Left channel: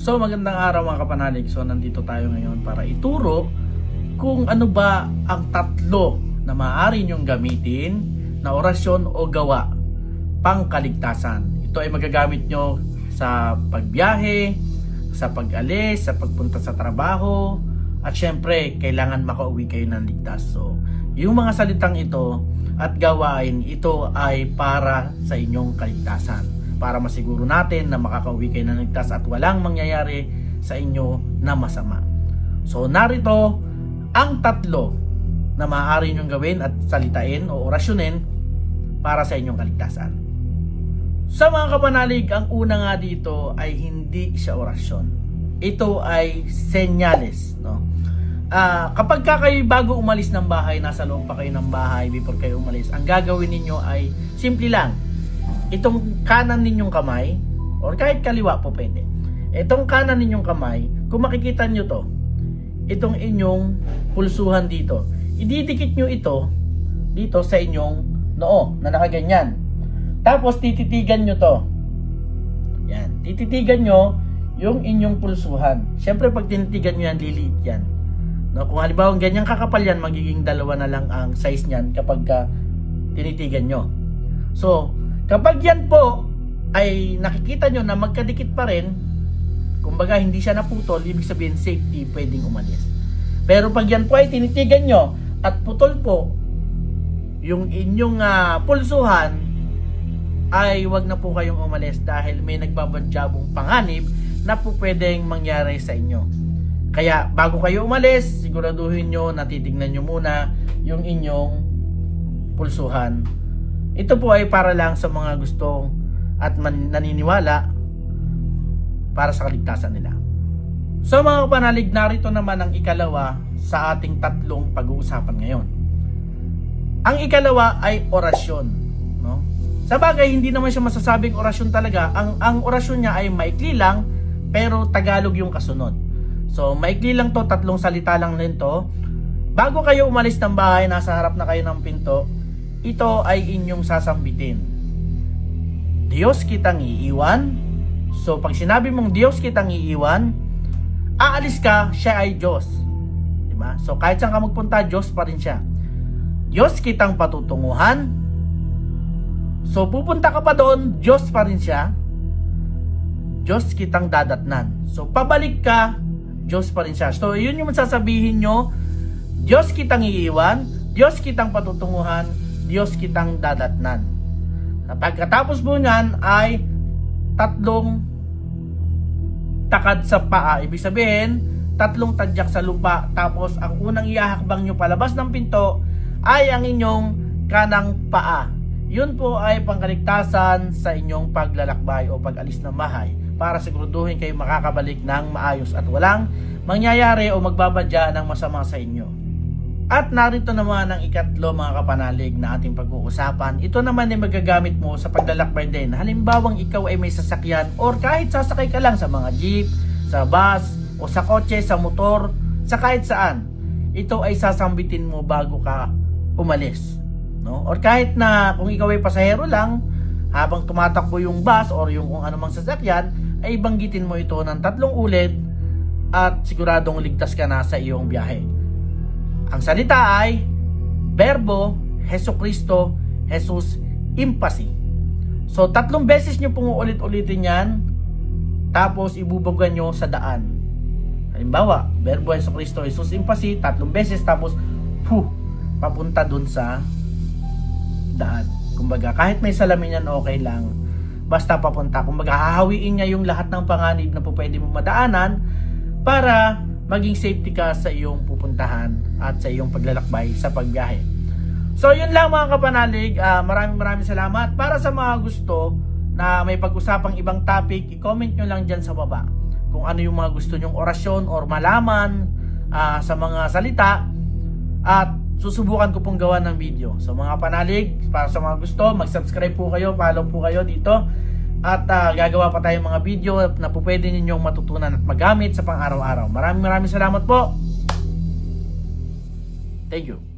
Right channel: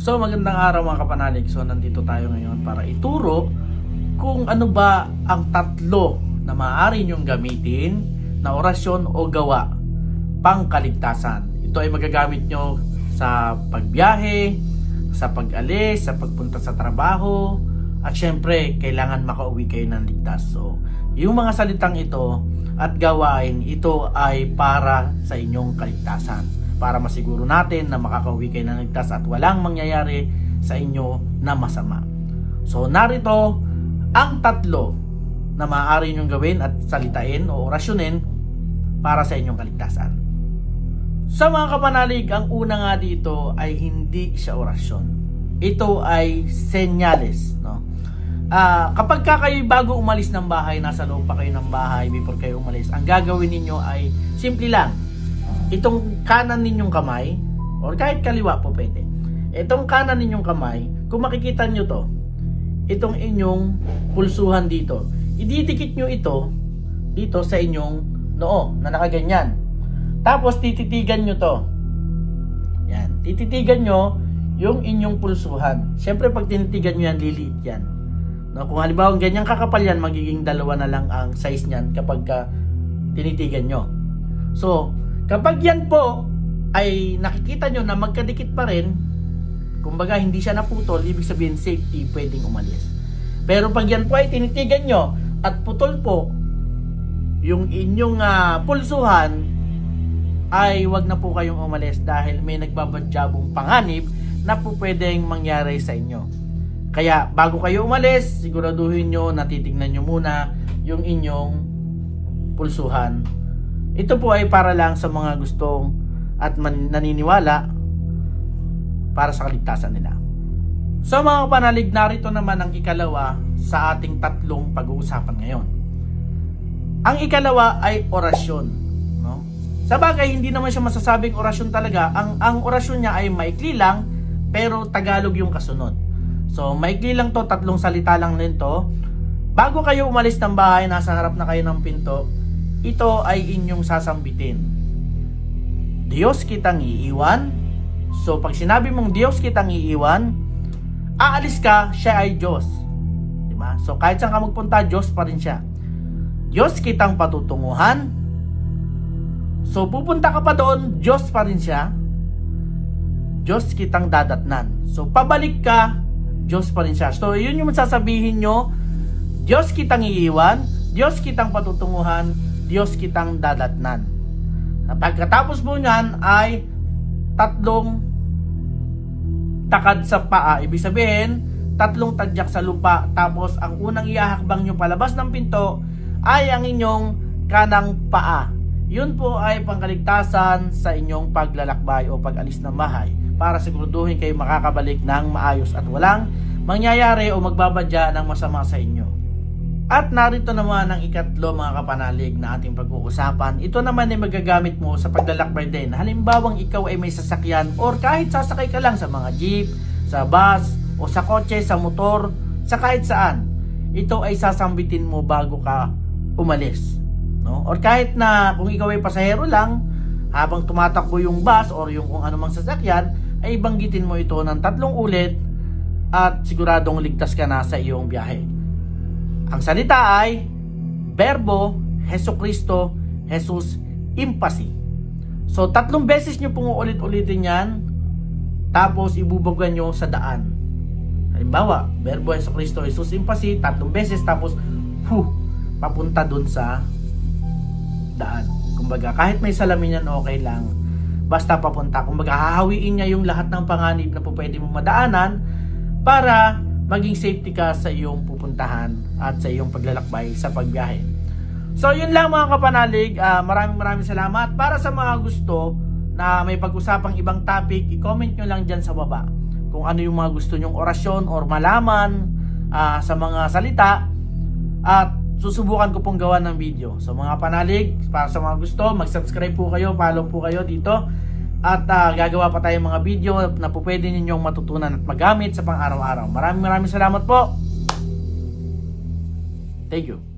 So magandang araw mga kapanalig. So nandito tayo ngayon para ituro kung ano ba ang tatlo na maaari nyong gamitin na orasyon o gawa pang kaligtasan. Ito ay magagamit nyo sa pagbiyahe, sa pag-alis, sa pagpunta sa trabaho, at syempre kailangan makauwi kayo ng ligtas. So yung mga salitang ito at gawain ito ay para sa inyong kaligtasan, para masiguro natin na makakauwi kayo ng ligtas at walang mangyayari sa inyo na masama. So narito ang tatlo na maaari nyong gawin at salitain o orasyonin para sa inyong kaligtasan. Sa mga kapanalig, ang una nga dito ay hindi siya orasyon. Ito ay senyales, no? Kapag kayo bago umalis ng bahay, nasa loob pa kayo ng bahay before kayo umalis, ang gagawin ninyo ay simple lang. Itong kanan ninyong kamay, or kahit kaliwa po pwede. Itong kanan ninyong kamay, kung makikita nyo to, itong inyong pulsuhan dito, ididikit nyo ito dito sa inyong noo na nakaganyan. Tapos tititigan nyo to. Yan, tititigan nyo yung inyong pulsuhan. Siyempre pag tinitigan nyo yan, liliit yan. No, kung halimbawa ganyan kakapal yan, magiging dalawa na lang ang size niyan kapag tinitigan nyo. So kapag yan po ay nakikita nyo na magkadikit pa rin, kumbaga hindi siya naputol, ibig sabihin safety, pwedeng umalis. Pero pag yan po ay tinitigan nyo at putol po yung inyong pulsuhan, ay wag na po kayong umalis dahil may nagbabadyabong panganib na po pwedeng mangyari sa inyo. Kaya bago kayo umalis, siguraduhin nyo na titignan nyo muna yung inyong pulsuhan. Ito po ay para lang sa mga gustong at naniniwala para sa kaligtasan nila. So mga kapanalig, narito naman ang ikalawa sa ating tatlong pag-uusapan ngayon. Ang ikalawa ay orasyon, no? Sa bagay, hindi naman siya masasabing orasyon talaga. Ang orasyon niya ay maikli lang, pero Tagalog yung kasunod. So maikli lang to, tatlong salita lang din to. Bago kayo umalis ng bahay, nasa harap na kayo ng pinto, ito ay inyong sasambitin. Diyos kitang iiwan. So pag sinabi mong Diyos kitang iiwan, aalis ka, siya ay Diyos. Diba? So kahit saan ka magpunta, Diyos pa rin siya. Diyos kitang patutunguhan. So pupunta ka pa doon, Diyos pa rin siya. Diyos kitang dadatnan. So pabalik ka, Diyos pa rin siya. So yun yung sasabihin nyo, Diyos kitang iiwan, Diyos kitang patutunguhan, Diyos kitang dadatnan. Pagkatapos po nyan ay tatlong takad sa paa. Ibig sabihin, tatlong tadyak sa lupa. Tapos ang unang iahakbang nyo palabas ng pinto ay ang inyong kanang paa. Yun po ay pangkaligtasan sa inyong paglalakbay o pag-alis ng bahay para siguraduhin kayo makakabalik ng maayos at walang mangyayari o magbabadya ng masama sa inyo. At narito naman ang ikatlo mga kapanalig na ating pag-uusapan. Ito naman ay magagamit mo sa paglalakbay din. Halimbawang ikaw ay may sasakyan or kahit sasakay ka lang sa mga jeep, sa bus, o sa kotse, sa motor, sa kahit saan. Ito ay sasambitin mo bago ka umalis. No? Or kahit na kung ikaw ay pasahero lang, habang tumatakbo yung bus or yung kung anumang sasakyan, ay banggitin mo ito ng 3 ulit at siguradong ligtas ka na sa iyong biyahe. Ang salita ay Verbo, Jesucristo, Jesus Impasi. So 3 beses nyo pong ulit-ulitin yan, tapos ibubugan nyo sa daan. Halimbawa, Verbo, Jesucristo, Jesus Impasi, 3 beses, tapos papunta dun sa daan. Kumbaga kahit may salamin yan, okay lang, basta papunta. Kumbaga hahawiin niya yung lahat ng panganib na po pwede mo madaanan para maging safety ka sa iyong pupuntahan at sa iyong paglalakbay sa pagbiyahe. So yun lang mga kapanalig. Maraming salamat. Para sa mga gusto na may pag-usapang ibang topic, i-comment nyo lang dyan sa baba kung ano yung mga gusto nyong orasyon or malaman sa mga salita, at susubukan ko pong gawa ng video. So mga panalig, para sa mga gusto, mag-subscribe po kayo, follow po kayo dito, at gagawa pa tayong mga video na po pwede ninyong matutunan at magamit sa pang-araw-araw. Maraming salamat po. Thank you.